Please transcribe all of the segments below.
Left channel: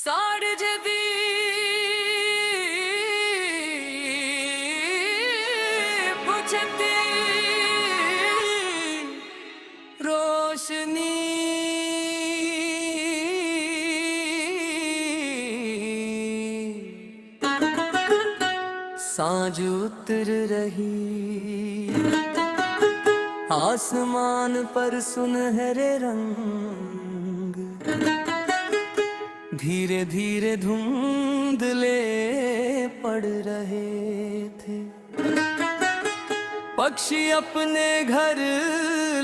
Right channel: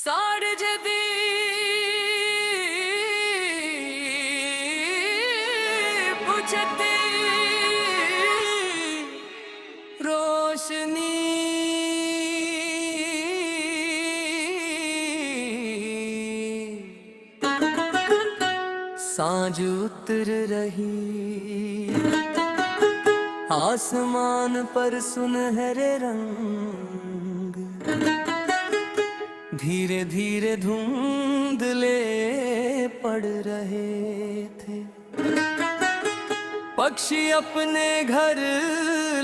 साड़ जदी बुझती रोशनी सांझ उतर रही आसमान पर सुनहरे रंग, धीरे धीरे धुंधले पड़ रहे थे। पक्षी अपने घर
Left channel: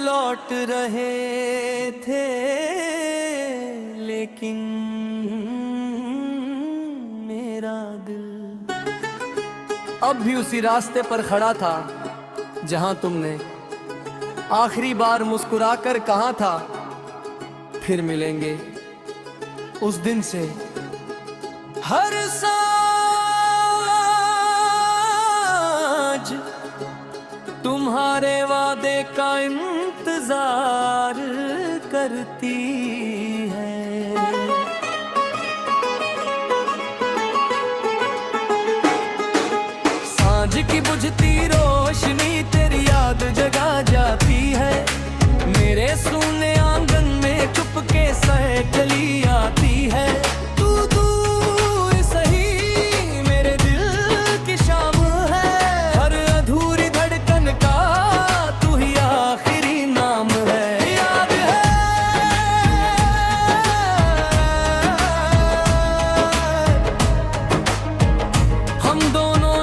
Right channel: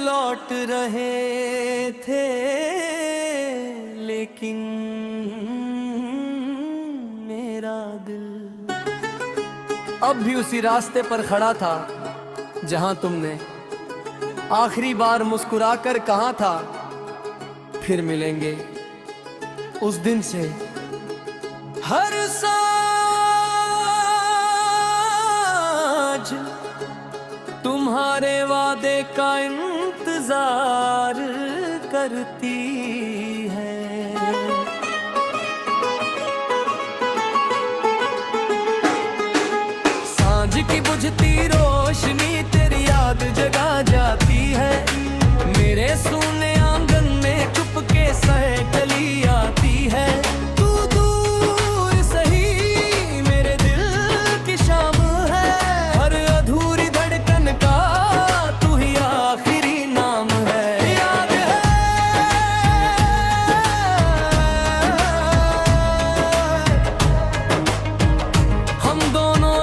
लौट रहे थे, लेकिन मेरा दिल अब भी उसी रास्ते पर खड़ा था जहां तुमने आखिरी बार मुस्कुराकर कहा था फिर मिलेंगे। उस दिन से हर सांझ तुम्हारे वादे का इंतजार करती है। सांझ की बुझती रोशनी तेरी याद जगा जाती है। मेरे सूने आंगन में चुपके सहकली आती है। तू दूर सही मेरे दिल की शाम है। हर अधूरी धड़कन का तू ही आखिरी नाम है। याद है हम दोनों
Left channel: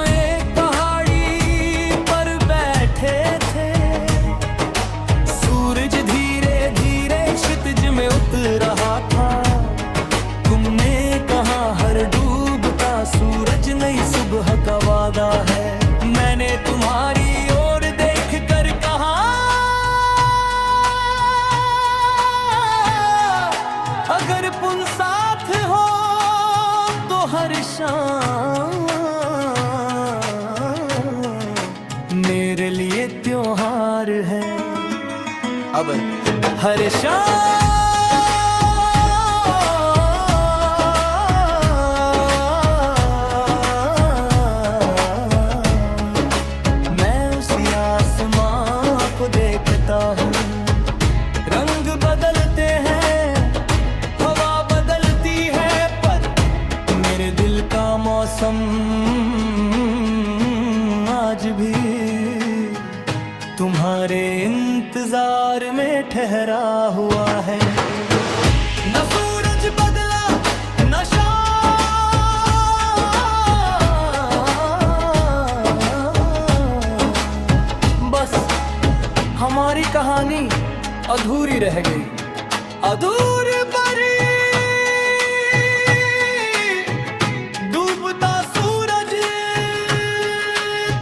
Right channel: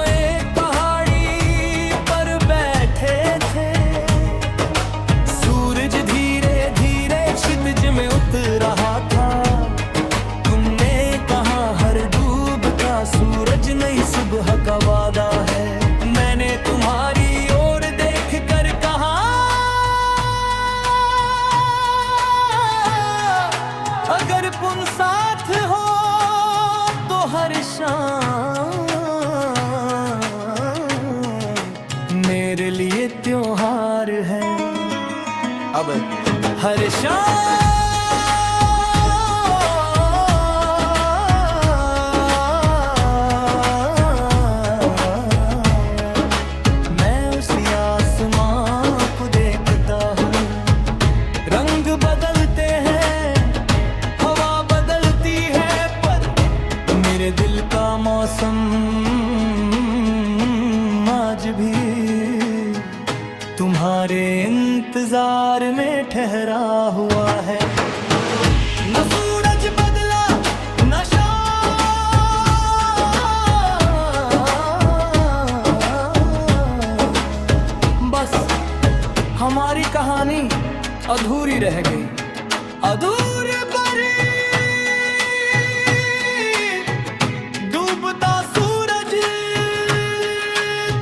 में उतर रहा था। तुमने कहा हर डूबता सूरज नई सुबह का वादा है। मैंने तुम्हारी ओर देख कर कहा अगर पुन साथ हो तो हर शाम मेरे लिए त्योहार है। अब हर शाम को देखता हूँ। रंग बदलते हैं, हवा बदलती है, पर मेरे दिल का मौसम आज भी तुम्हारे इंतजार में ठहरा हुआ है। न सूरज बदला न शाम, बस हमारी कहानी अधूरी रह गई। अधूरी परी डूबता सूरज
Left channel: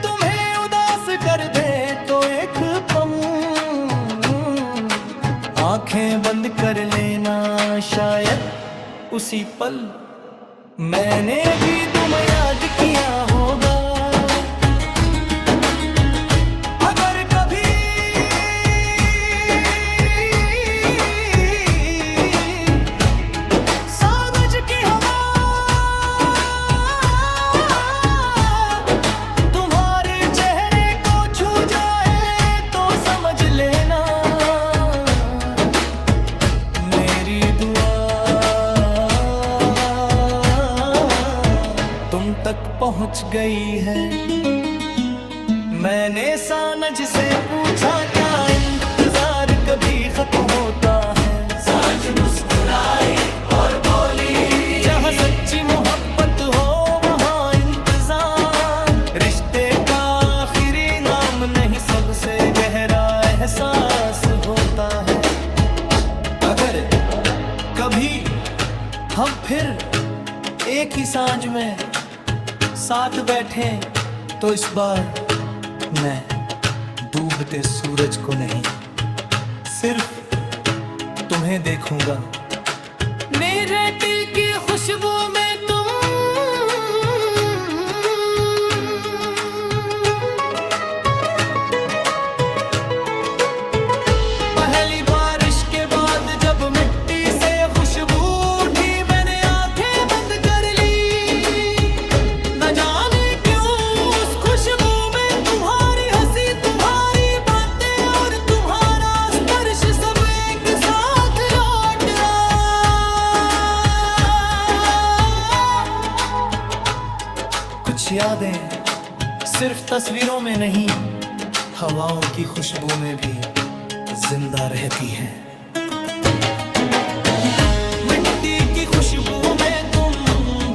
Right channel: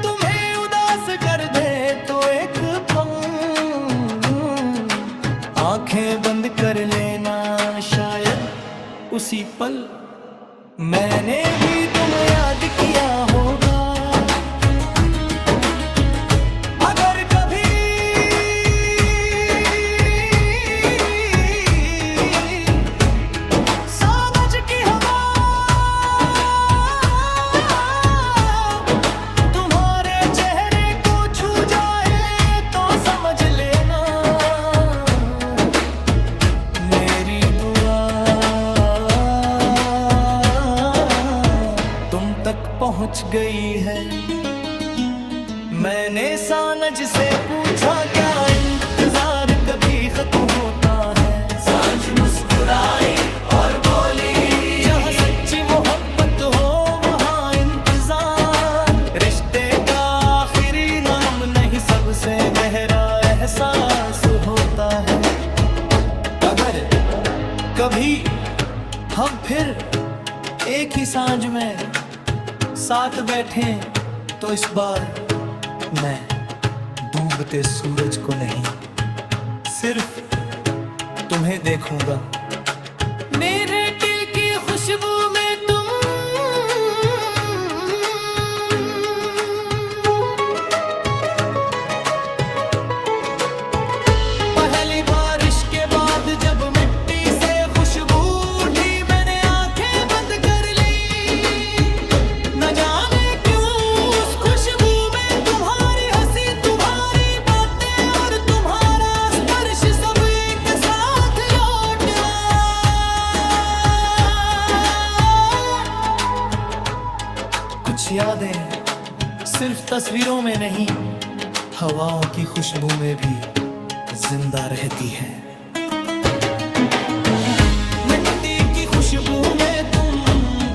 तुम्हें उदास कर दे तो एक पल आंखें बंद कर लेना। शायद उसी पल मैंने भी तुम याद किया होगा। अगर कभी तुम तक पहुंच गई है। मैंने सानज से पूछा क्या इंतजार कभी खत्म होता है। सांझ मुस्कुराई और बोली जहां सच्ची मोहब्बत हो वहां इंतजार। रिश्ते का आखिरी नाम नहीं सबसे गहरा एहसास होता है। अगर कभी हम फिर एक ही सांझ में साथ बैठे तो इस बार मैं डूबते सूरज को नहीं सिर्फ तुम्हें देखूंगा। मेरे दिल की खुशबू में तुम पहली बारिश के बाद जब मिट्टी से खुशबू उठी मैंने आंखें कुछ यादें सिर्फ तस्वीरों में नहीं, हवाओं की खुशबू में भी जिंदा रहती हैं। मिट्टी की खुशबू में तुम,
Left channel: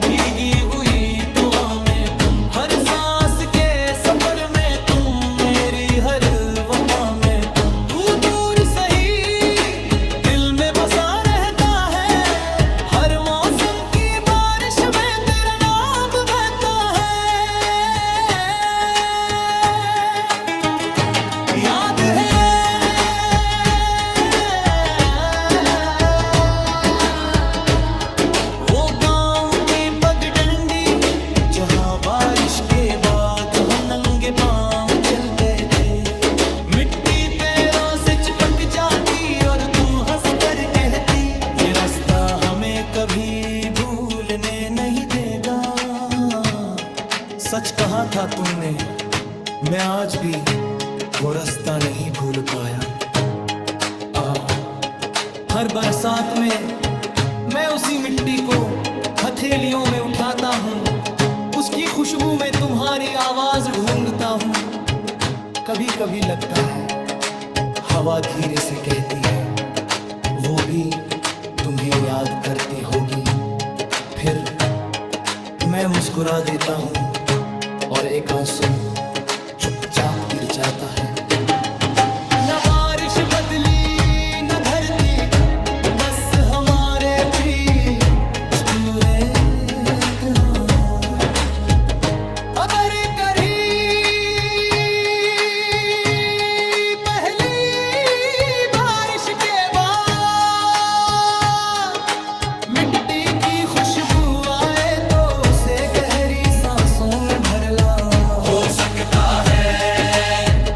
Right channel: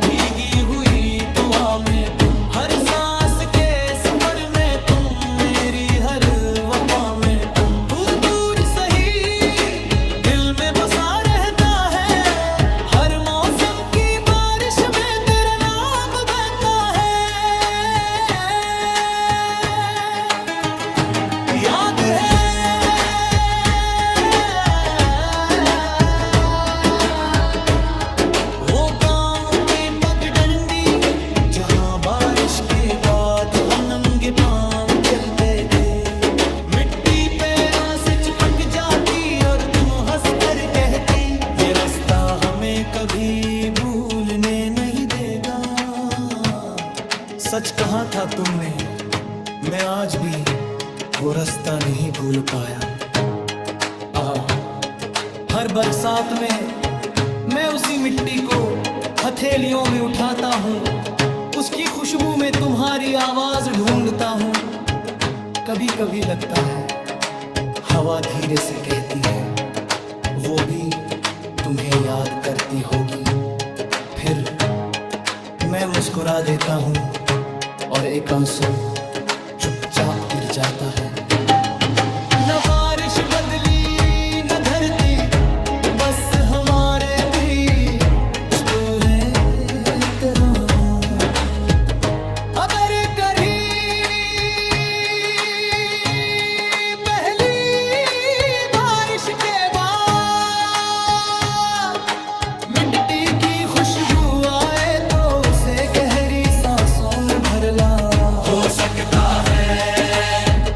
भीगी हुई दुआ में तुम, हर सांस के सफर में तुम, मेरी हर वफा में तुम। तू दूर सही दिल में बसा रहता है, हर मौसम की बारिश में तेरा नाम बहता है। याद है वो गांव की पगडंडी, जहां बारिश के बाद हम नंगे पांव चलते थे। मिट्टी पैरों से चिपक जाती और तुम हंस कर कहती, ये रास्ता हमें कभी भूलने नहीं देगा। सच कहा था तुमने, मैं आज भी वो रास्ता नहीं भूल पाया। हर बरसात में मैं उसी मिट्टी को हथेलियों में उठाता हूँ, उसकी खुशबू में तुम्हारी आवाज ढूंढता हूँ। कभी कभी लगता है हवा धीरे से कहती है, वो भी तुम्हें याद करती होगी। फिर मैं मुस्कुरा देता हूँ और एक आंसू चुपचाप गिर जाता है। न बारिश बदली न धरती, बस हमारे भी पूरे तरह। अगर कहीं पहली बारिश के बाद मिट्टी की खुशबू आए, तो उसे गहरी सांसों में भर ला। हो सकता है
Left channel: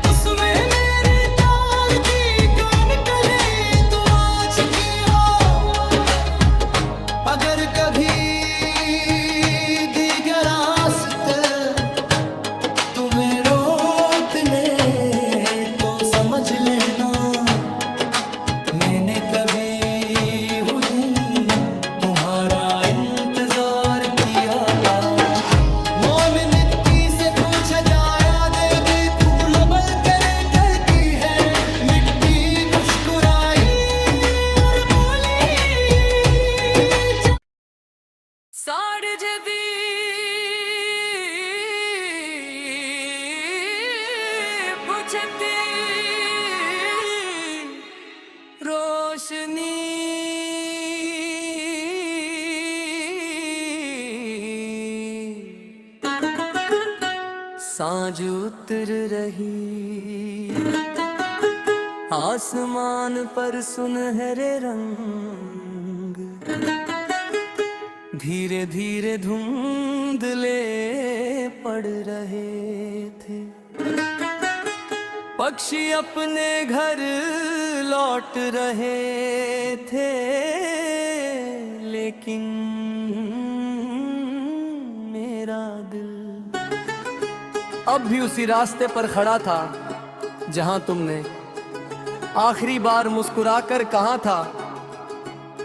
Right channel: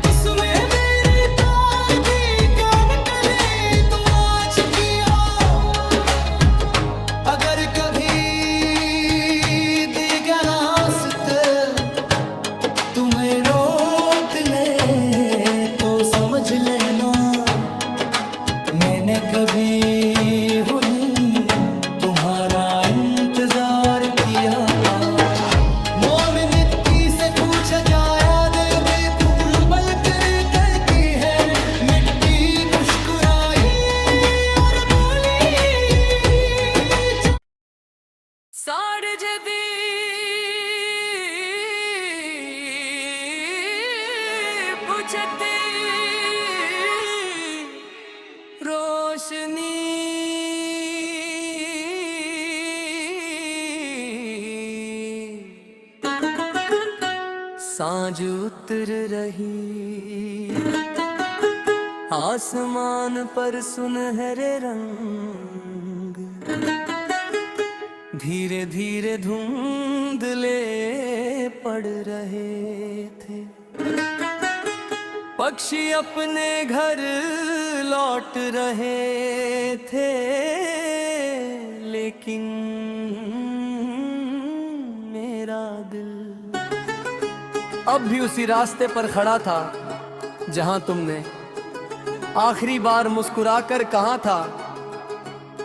उसमें मेरी तार की कान कली तू आज की हो। अगर कभी दीगर रास्ते तुम्हें रोक ले, तो समझ लेना मैंने कभी तुम्हारा इंतजार किया था। मोम मिट्टी से पूछा जाया, देवी फूल बल कर कहती है, मिट्टी खुशकुराई और बोली साड़ जदी रोशनी। सांझ उतर रही आसमान पर सुनहरे रंग, धीरे धीरे धुंधले पड़ रहे थे। पक्षी अपने घर लौट रहे थे, लेकिन मेरा दिल अब भी उसी रास्ते पर खड़ा था, जहां तुमने आखिरी बार मुस्कुराकर कहा था,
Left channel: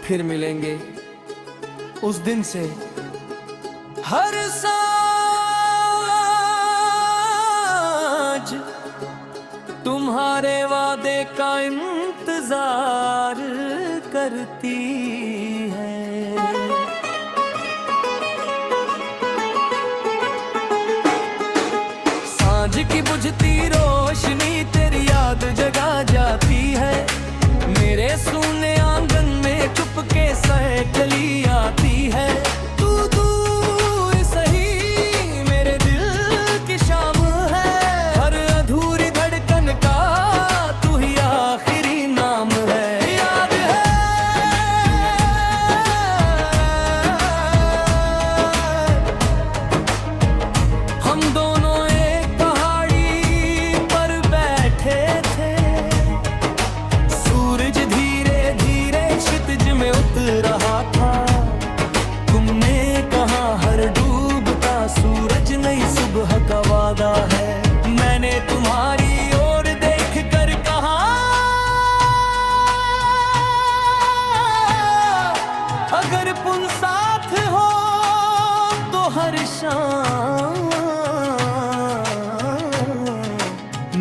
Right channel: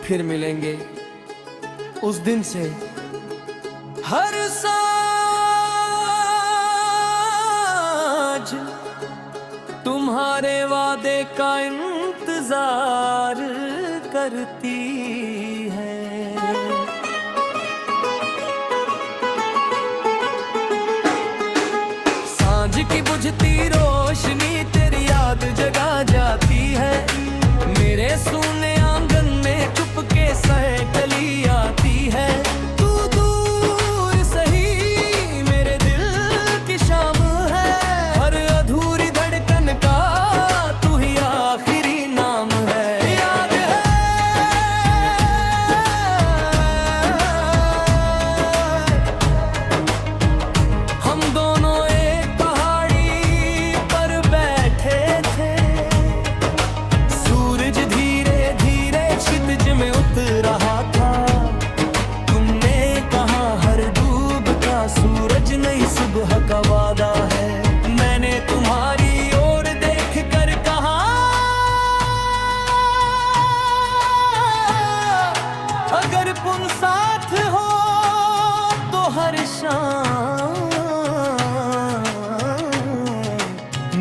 फिर मिलेंगे। उस दिन से हर सांझ तुम्हारे वादे का इंतजार करती है। सांझ की बुझती रोशनी तेरी याद जगा जाती है। मेरे सूने आंगन में चुपके सहकली आती है। तू दूर सही मेरे दिल की शाम है, हर अधूरी धड़कन का तू ही आखिरी नाम है। याद है हम दोनों एक पहाड़ी पर बैठे थे, सूरज धीरे धीरे क्षितिज में उतर रहा था। तुमने कहा हर डूबता सूरज नई सुबह का वादा है। मैंने तुम्हारी ओर देख कर कहा, अगर पुन साथ हो तो बारिशां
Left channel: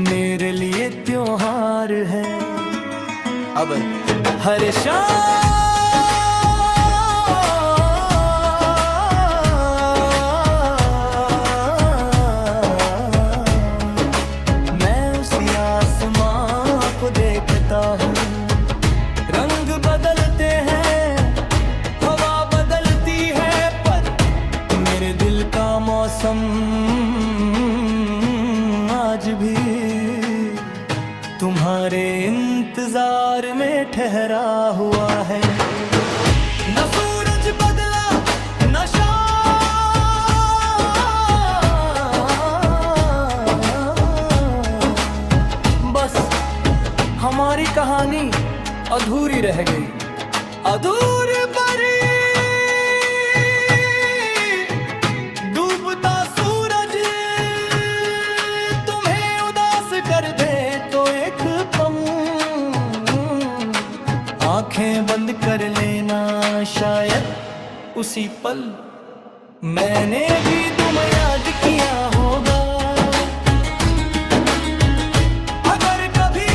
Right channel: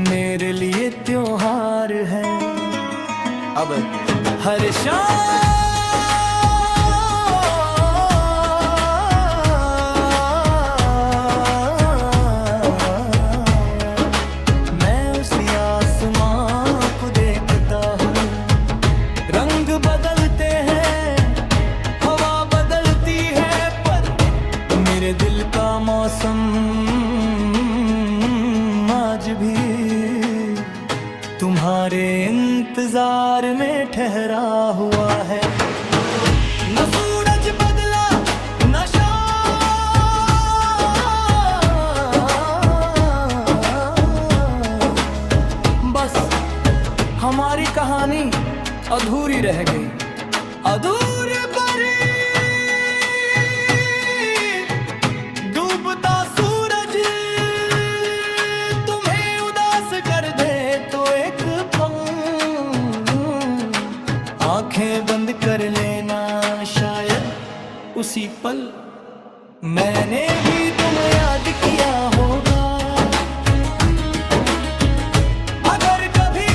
मेरे लिए त्योहार है। अब हर शाम मैं उसी आसमां को देखता हूँ। रंग बदलते हैं, हवा बदलती है, पर मेरे दिल का मौसम आज भी तुम्हारे इंतजार में ठहरा हुआ है। न सूरज बदला न शाम, बस हमारी कहानी अधूरी रह गई। अधूरी परी डूबता सूरज तुम्हें उदास कर दे तो एक पल आंखें बंद कर लेना, शायद उसी पल मैंने भी तुम याद किया होगा। अगर कभी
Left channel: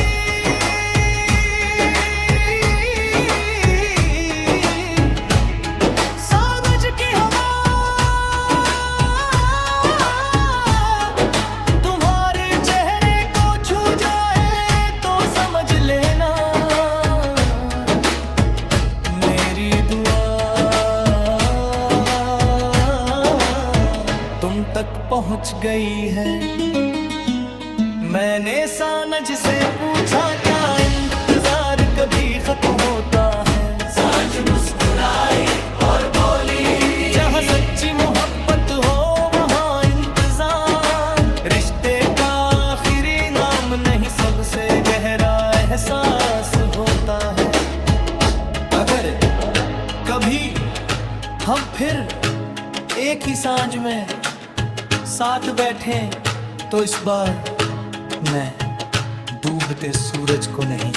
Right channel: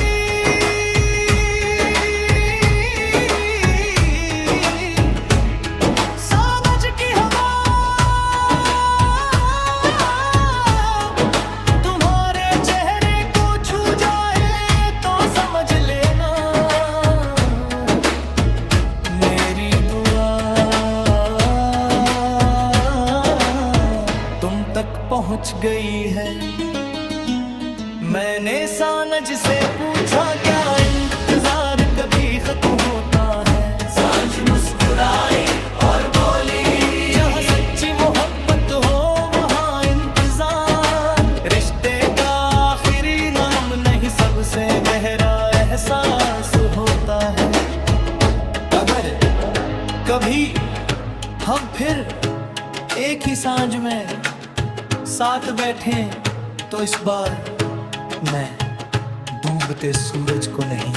तुम तक पहुंच गई है। मैंने सानज से पूछा क्या इंतजार कभी खत्म होता है। सानज मुस्कुराई और बोली, जहाँ सच्ची मोहब्बत हो वहाँ इंतजार रिश्ते का आखिरी नाम नहीं, सबसे गहरा एहसास होता है। अगर कभी हम फिर एक ही सांझ में साथ बैठें तो इस बार मैं डूबते सूरज को नहीं,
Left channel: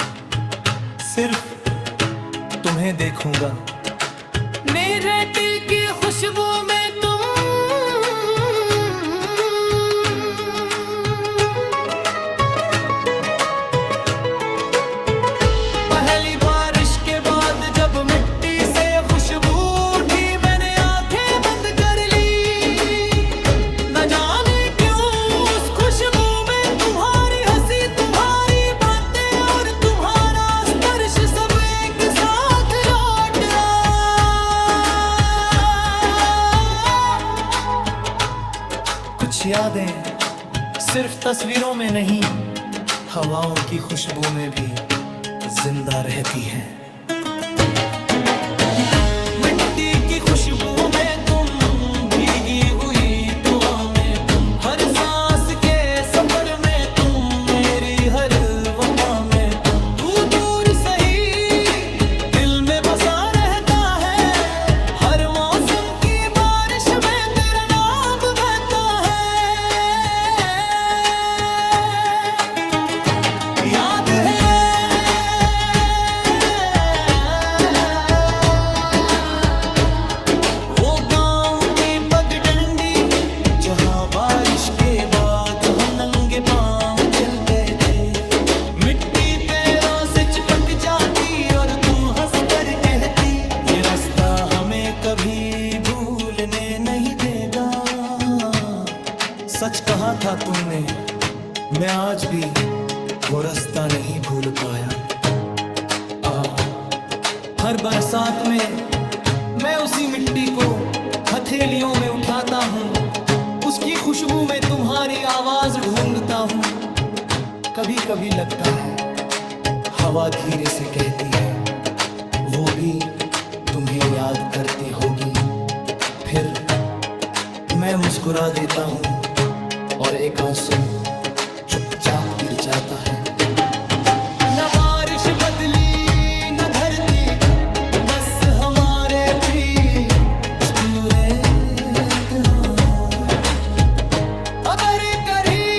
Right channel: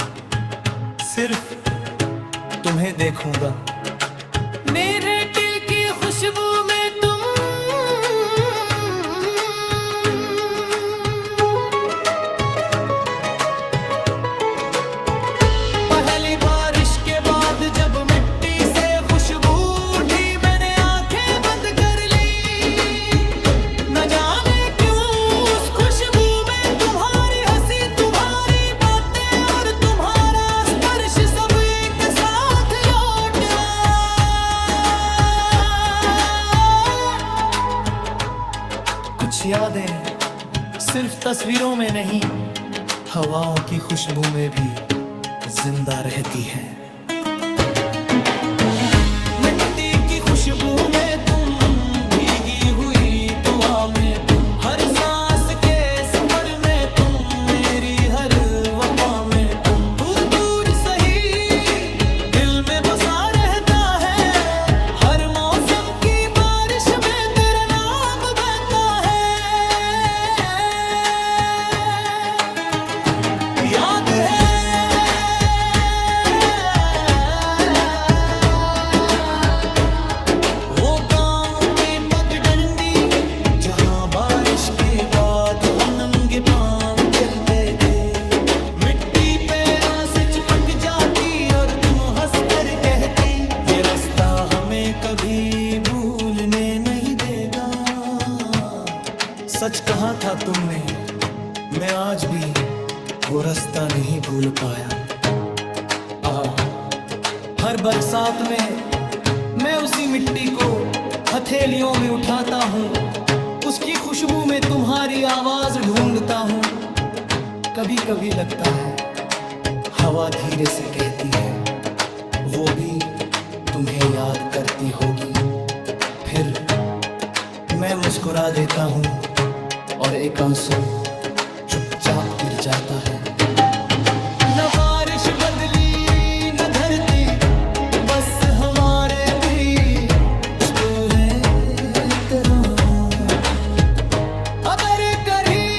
सिर्फ तुम्हें देखूंगा। मेरे दिल की खुशबू में तुम पहली बारिश के बाद जब मिट्टी से खुशबू उठी, मैंने आंखें बंद कर ली। न जाने क्यों उस खुशबू में तुम्हारी हंसी, तुम्हारी बातें और तुम्हारा स्पर्श सब एक साथ लौट कुछ यादें सिर्फ तस्वीरों में नहीं, हवाओं की खुशबू में भी जिंदा रहती हैं। मिट्टी की खुशबू में तुम, भीगी हुई दुआ में तुम, हर सांस के सफर में तुम, मेरी हर वफा में तुम। तू दूर सही दिल में बसा रहता है, हर मौसम की बारिश में तेरा नाम बहता है। याद है वो गांव की पगडंडी, जहां बारिश के बाद हम नंगे पांव चलते थे। मिट्टी पैरों से चिपक जाती और तुम हंस कर कहती, ये रास्ता हमें कभी भूलने नहीं देगा। सच कहा था तुमने, मैं आज भी वो रास्ता नहीं भूल पाया। हर बरसात में मैं उसी मिट्टी को हथेलियों में उठाता हूँ, उसकी खुशबू में तुम्हारी आवाज ढूंढता हूँ। कभी कभी लगता है हवा धीरे से कहती है, वो भी तुम्हें याद करती होगी। फिर मैं मुस्कुरा देता हूँ और एक आंसू चुपचाप गिर जाता है। न बारिश बदली न धरती, बस हमारे भी पूरे तरह। अगर कहीं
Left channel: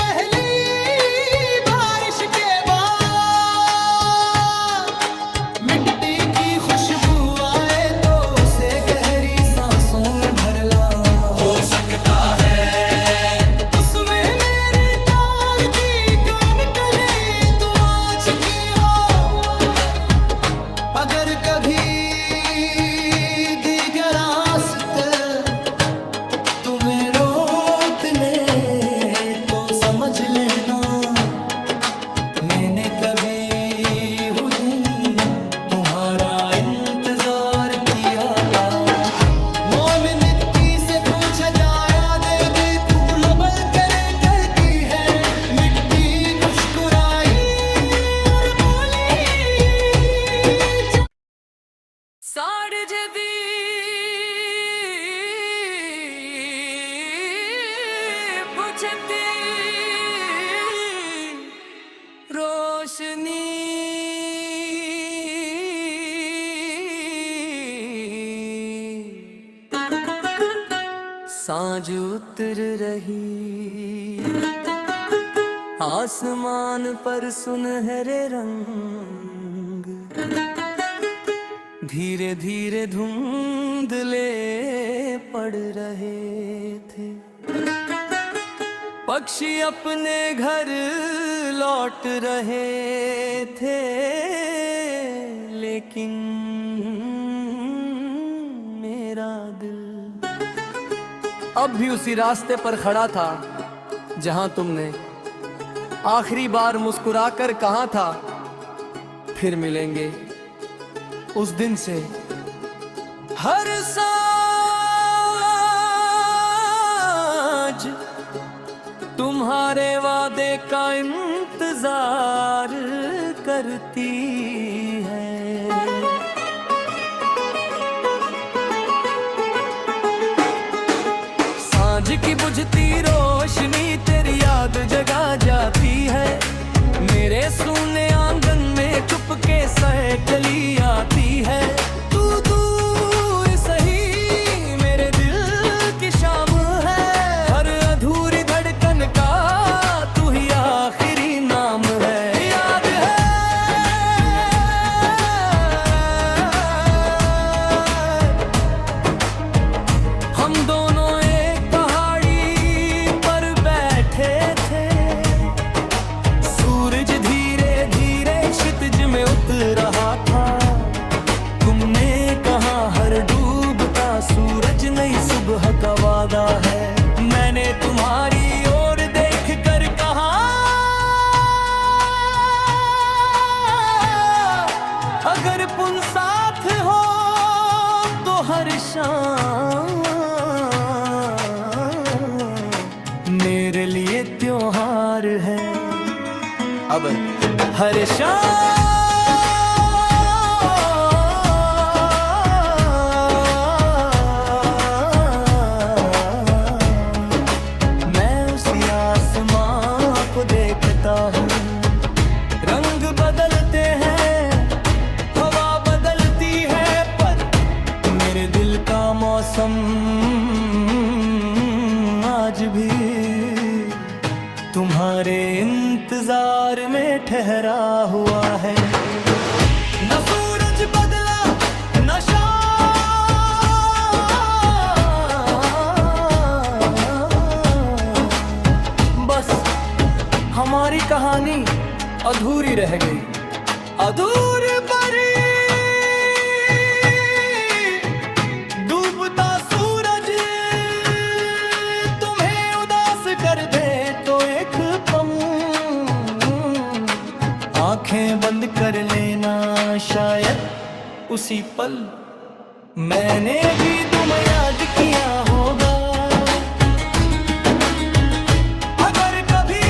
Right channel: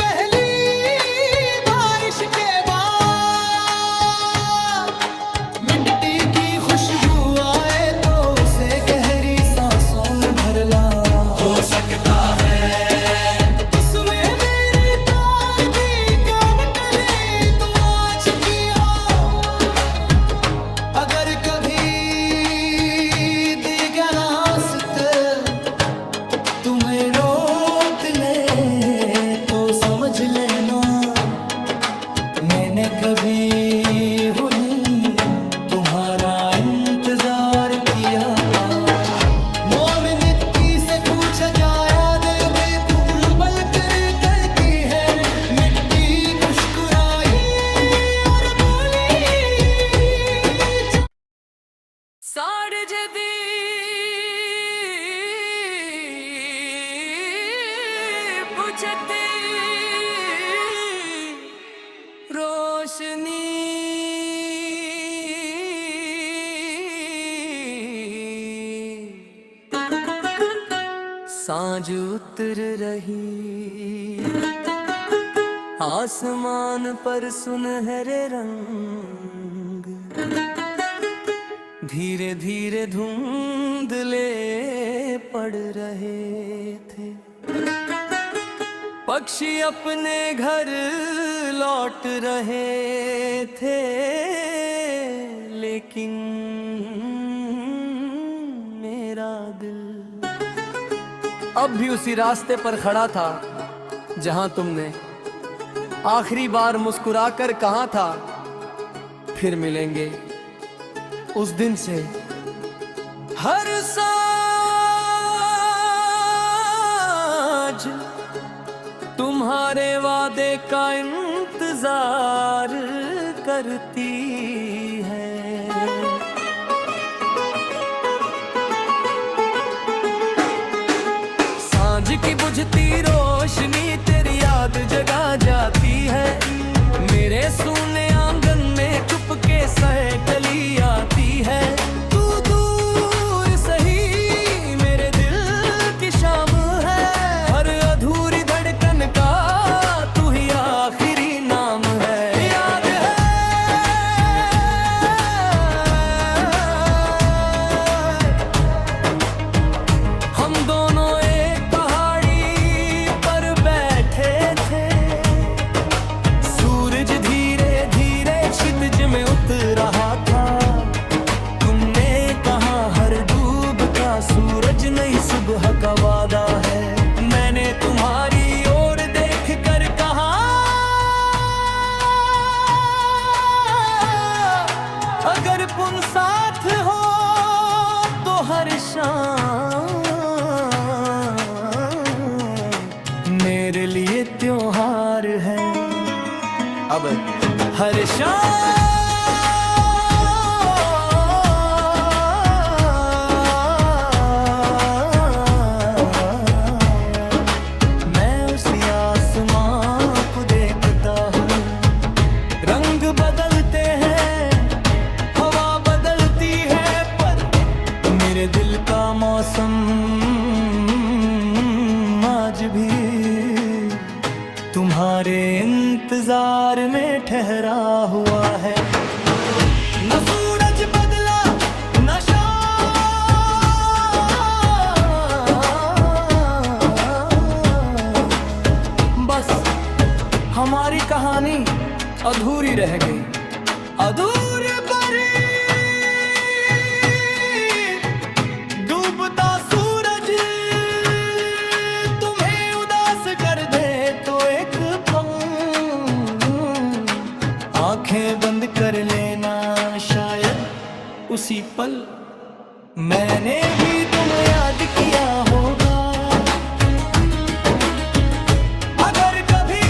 पहली बारिश के बाद मिट्टी की खुशबू आए तो उस में भर ला, हो सकता है उसमें मेरी तार की कान कले तो आज की हो। अगर कभी दीगर रास्ते तुम्हें रोक ले तो समझ लेना मैंने कभी तुम्हारा इंतजार किया था। मोमिनित्ती से पूछा जाया देवी फूल बल कर करती है, मिट्टी खुशकुराई और बोली साड़ जदी पूछती रोशनी सांझ उतर रही आसमान पर सुनहरे रंग, धीरे धीरे धुंधले पड़ रहे थे। पक्षी अपने घर लौट रहे थे, लेकिन मेरा दिल अब भी उसी रास्ते पर खड़ा था जहां तुमने आखिरी बार मुस्कुराकर कहा था फिर मिलेंगे। उस दिन से हर सांझ तुम्हारे वादे का इंतजार करती है। सांझ की बुझती रोशनी तेरी याद जगा जाती है, मेरे सूने आंगन में चुपके सहकली आती है। तू दूर सही मेरे दिल की शाम है, हर अधूरी धड़कन का तू ही आखिरी नाम है। याद है हम दोनों एक पहाड़ी पर बैठे थे, सूरज धीरे धीरे क्षितिज में उतर रहा था। तुमने कहा हर डूबता सूरज नई सुबह का वादा है, मैंने तुम्हारी ओर देख कर कहा अगर पुन साथ हो तो हर शाम मेरे लिए त्योहार है। अब हर शाम मैं उसी आसमां को देखता हूँ, रंग बदलते हैं हवा बदलती है, पर मेरे दिल का मौसम आज भी तुम्हारे इंतजार में ठहरा हुआ है। न सूरज बदला न शाम, बस हमारी कहानी अधूरी रह गई। अधूरी परी डूबता सूरज तुम्हें उदास कर दे तो एक पल आंखें बंद कर लेना, शायद उसी पल मैंने भी तुम याद किया होगा। अगर कभी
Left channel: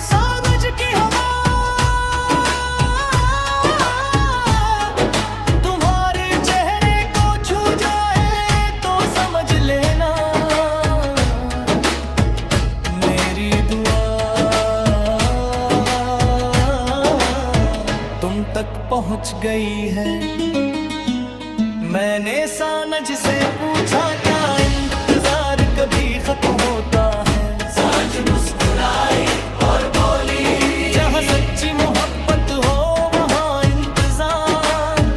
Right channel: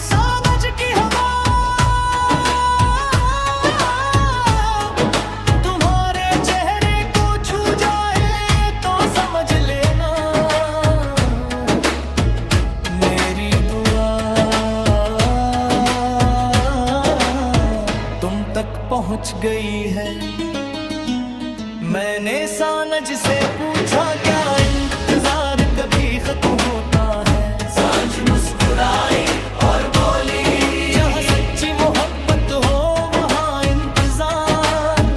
सांझ की हवा तुम्हारे चेहरे को छू जाए तो समझ लेना मेरी दुआ तुम तक पहुंच गई है। मैंने सांझ से पूछा क्या इंतजार कभी खत्म होता है, सांझ मुस्कुराई और बोली जहाँ सच्ची मोहब्बत हो वहाँ इंतजार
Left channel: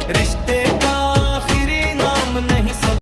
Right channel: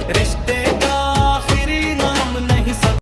रिश्ते का आखिरी नाम नहीं सब